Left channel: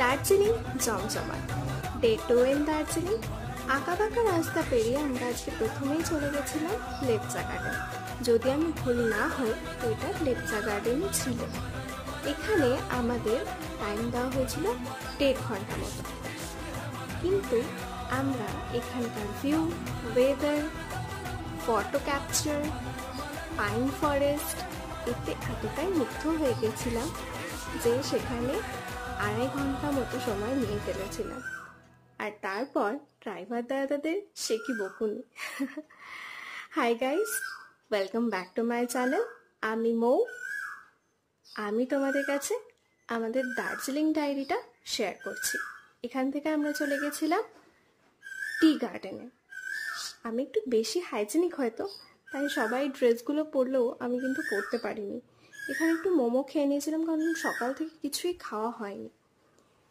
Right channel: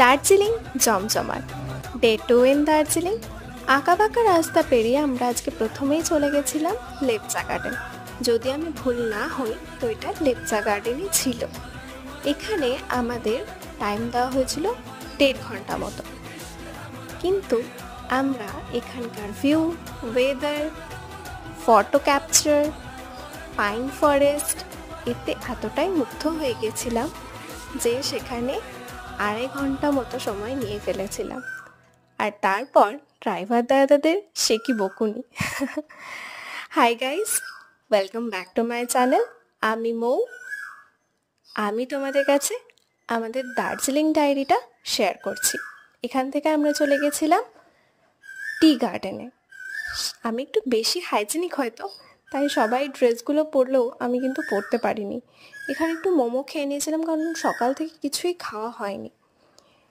দার্জিলিং জমজমাট day 2 in Darjeeling. আঁকাবাঁকা রাস্তা পেরিয়ে আমরা আজকে প্রথমেই চলে গেছিলাম লেপচা গার্ডেন। যদি আমি ভুল না হই তো এটা লেপচা গার্ডেনই ছিল। এখানে আমাদের টাইম দেওয়া হয়েছিল 1.5 ঘন্টা মতো, কিন্তু আমরা এখানকার view, weather, photo capture, pine forest এতে এতটাই মুগ্ধ হয়ে গেছিলাম যে সেখানে 2.5 ঘন্টা মতো সময় নিয়ে ফেলেছিলাম। আর তারপর ড্রাইভার দাদাদের সে কি বকুনি। Hi guys, welcome back to my channel. আমি মৌ। আমি তোমাদের কাছে আমাদের দার্জিলিং ডায়েরিটা শেয়ার করছি। এখান থেকে আমরা চলে গেছিলাম টি গার্ডেনে। আমি একটু বেশি হাইজেনিক হয়তো, তাই সবাই ড্রেসগুলো পরলেও আমি কিন্তু পরতে পারিনি। এখানে একটু মোমো খেয়ে নিয়েছিলাম, কারণ সকাল থেকে কিছুই খাওয়া হয়নি।